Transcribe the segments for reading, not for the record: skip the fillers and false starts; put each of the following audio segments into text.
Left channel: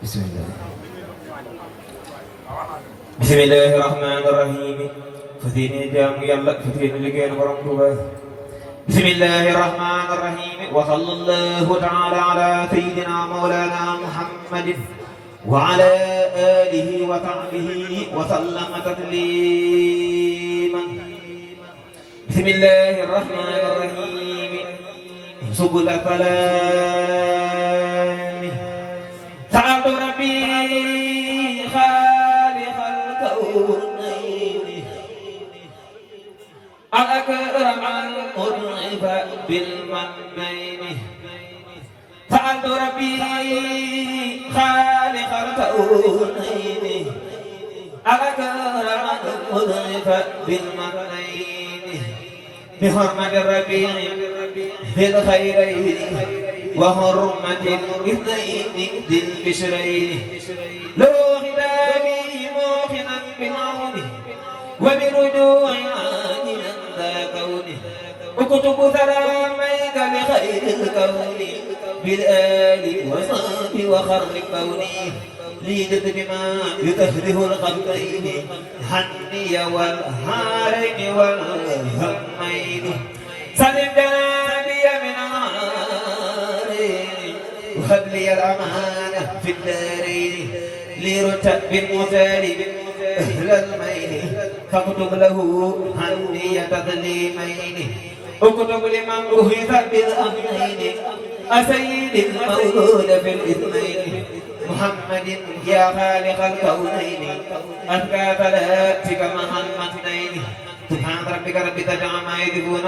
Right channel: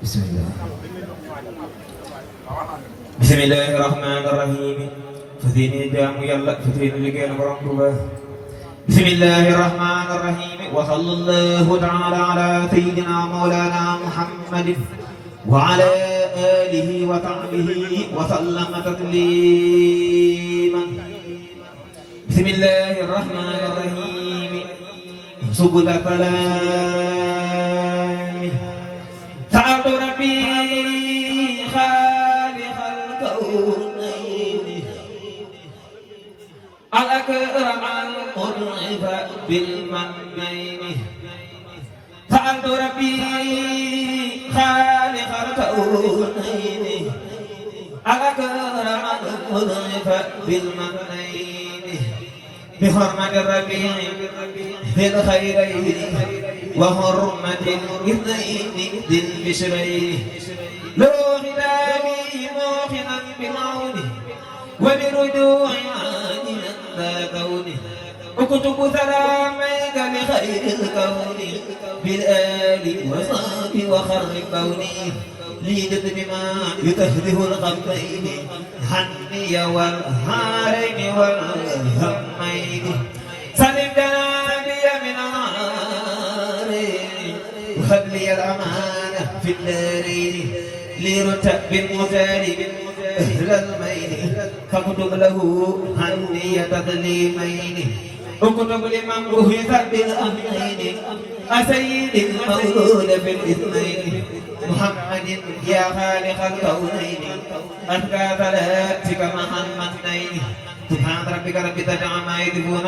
Bismillah. Bismillahirrahmanirrahim. Fadhini jamu yalla fadhini liggéeyal borom Tuuba. Bismillahirrahmanirrahim. Wa sallallahu ta'ala ala sayyidina mawlana Muhammadin wa ala alihi wa sahbihi wa sallama tasliman. Bismillahirrahmanirrahim. Subul salam. Sa'adu Rabbi الأكرم المرعب بالمنبين فأنت ربي خالق الكونين الأكرم المرعب بالمنبين بحرمة الربيع ذي الخيرين وحرمة الاثنين ذي البشرين لو غدابي موقنا بالعون وبرجوع عادنا ذا كونه اكتب سلاميك لخير الكون بالآل وصحب وخرب كوني ليجد بما يكهره الخطين حني والهارين والهمين سلم جنابي من عارين وهب لي الأمان في الدارين لرتب بالمثال أهل الميل فاكتب له هني تسليمين اكتب لمن بهث بالأمرين أسيد المولود في الإثنين محمد يا خالق الكونين أزكى صلاتك محمدين سبحان ربك رب العزة عما يصفون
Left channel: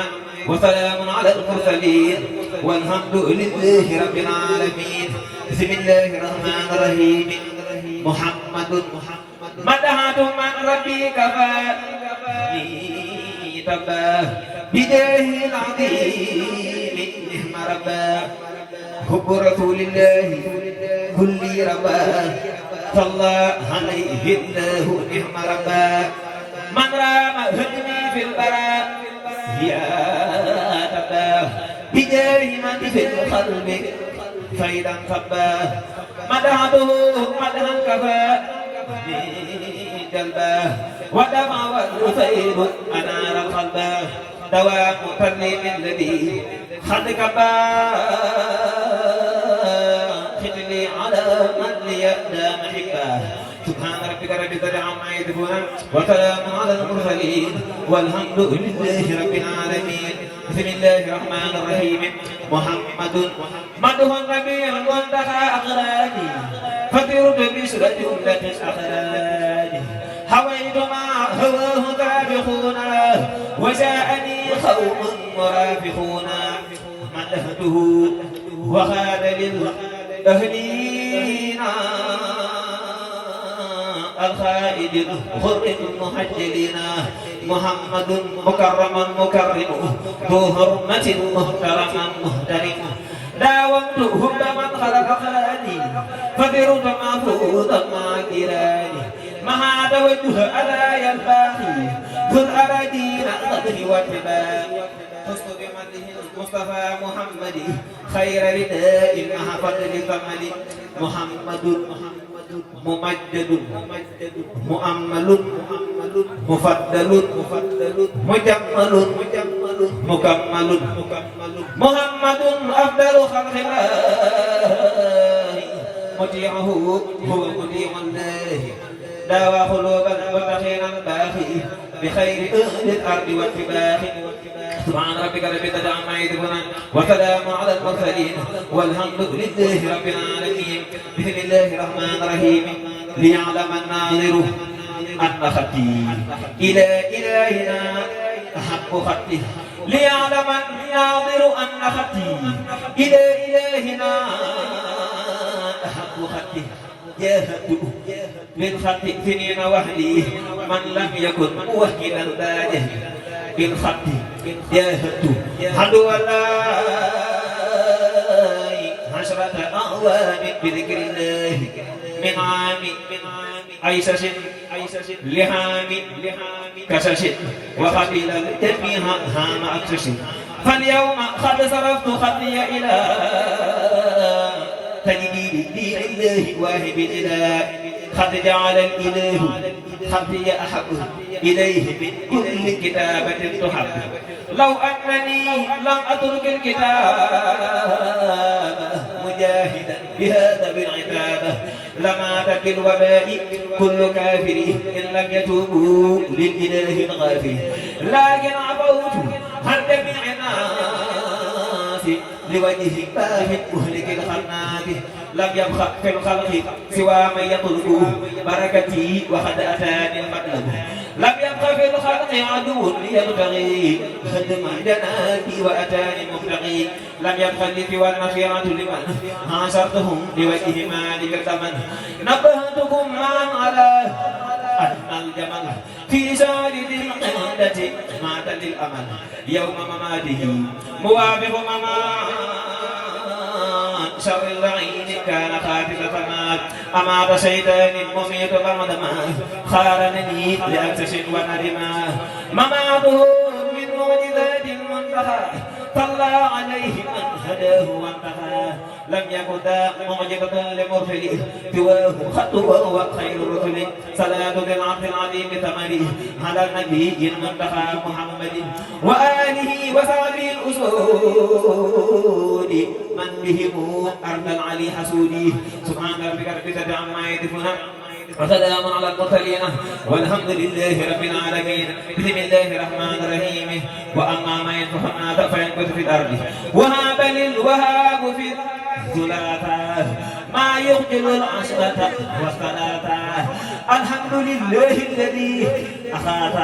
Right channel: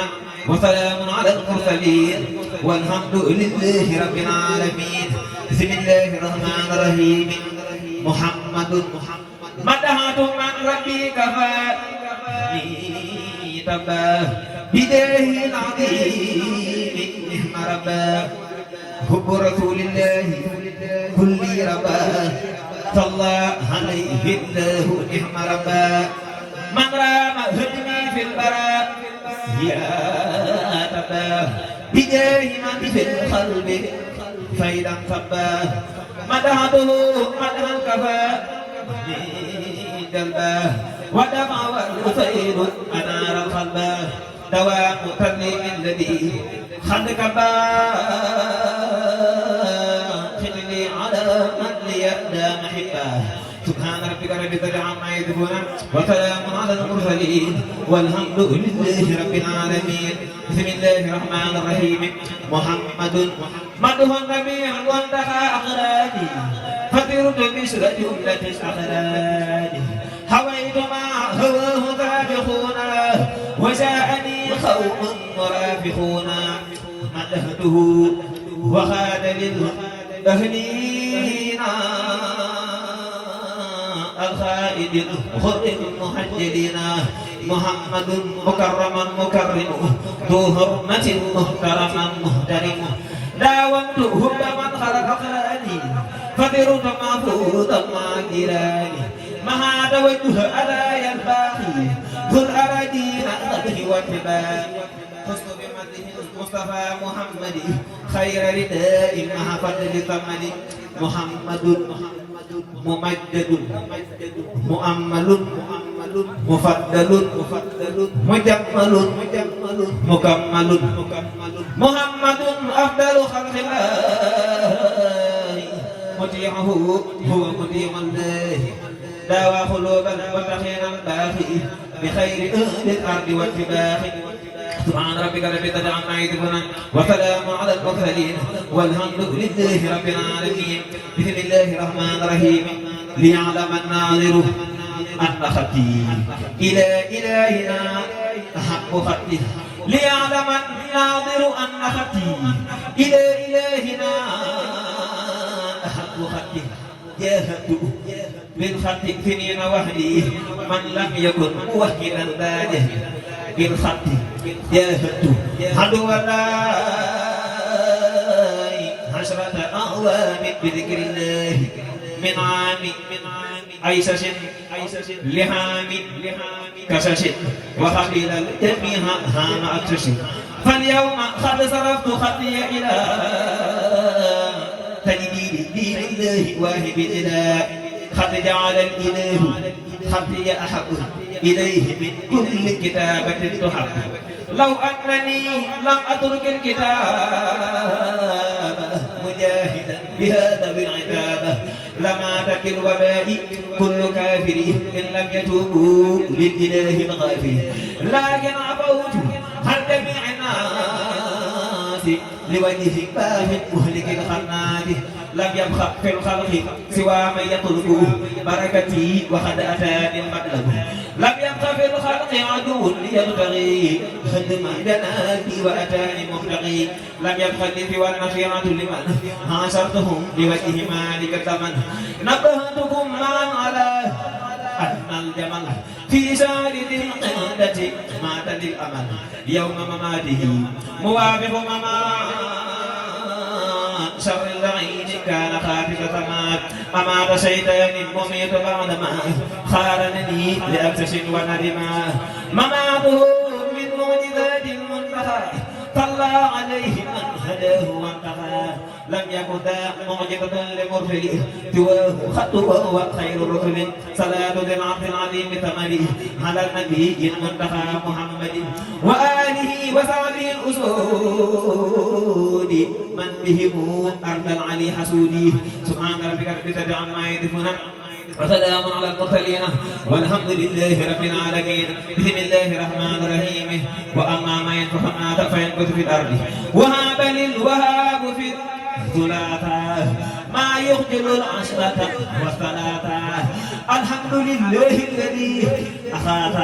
وسلام على المرسلين والحمد لله رب العالمين. بسم الله الرحمن الرحيم. محمد مدحت من ربي كفاني تباه بداه العظيم نعم رباه حب رسول الله كل رباه صلى عليه الله نعم رباه من رام هدني في البراء يا تباه بداه من في القلب فإذا صباه مدحته مدحا كفاه قلبه ودمع والحسين أنار قلبه دوام ترنيم الذي خلق خذني على من ليبدأ محبه. سبحان ربك رب العزة عما يصفون وسلام على المرسلين والحمد لله رب العالمين. بسم الله الرحمن الرحيم. محمد مدح النبي المنتهى أقراني فطرت بسر جملة الأخراج هويت ما هواه سابقون وجاءني قوم مرافقون مدحته وخاد للأهلين الخائد الغر المحجلين محمد مكرما مكرم ذو حرمة محترما محترم داومت هب من خلق خلاني فبرت معفوظا مع كراني مع توجه أدايا الباقي خذ أراجين القدر والتبان حسن بمده المصطفى محمد خير رداء مع فضل ثمن محمد ممجد مؤمل مفضل مجمل مكمل محمد أفضل خلق الله مطيعه هو مطيع الله داوى قلوبا وتخينا باخي بخير أهل الأرض والجبال. سبحان ربك رب العزة عما يصفون وسلام على المرسلين والحمد لله رب العالمين. بسم الله الرحمن الرحيم. ليعلم الناظر أن خطي إلى إلهنا أحق خطي ليعلم الناظر أن خطي إلى إلهنا أحق خطي جاهدت بالخط سنين وحدي من لم يكن موحدا باده بالخط جاهدت عدو الله عشرة أعوام بذكر الله من عام عيسى لهام كشش وقبل الجميع هام أكشش فاليوم قد صرفت خطي إلى تجدي لدين الله واهب الإله قد جعل الإله خطي أحب إليه من كل كتابة تحب لو أنني لم أترك الكتاب مجاهدا بهذا بالعتاب لمات بالوباء كل كافر إن لم يتوبوا للإله الغافر لكن عفوت عن جميع الناس لوجه الله مهلك الخناس لم يبخ في الخلق سوى من يطلب بركتي وقد أتاني المطلب لم يبق في الخلق عدو يبتغي خدم جناتي وأتاني المبتغي لم يبق لي سوى النصيحة لمن حاصرتهم لوجه مالك الثمن نبهتكم معا على أجمل جمل في شارد القادة مات للأمل يوم مماته موافق ممات شر البعيد كان خافف فمات أمات شيطان مميت فمدما خارنني لأكسش وندما مماته من معجزات منتهى طلع عليه من هداه وانتهى لم يكن ذا معجبة لمرسل سواه خطوة وخير الرسل صلاة للعبد العظيم ثمنه على النبي المنتهى محمد وآله وصحبه الأسود من بهم أرض العلي حسودي سبحان ربك رب العزة عما يصفون وسلام على المرسلين والحمد لله رب العالمين بسم الله الرحمن الرحيم وأما ما ينفع الناس فينبت في الأرض وهذا للوهاب في الثلاثة ما يخجل العشرة والثلاثة الحمد لله الذي أخاذ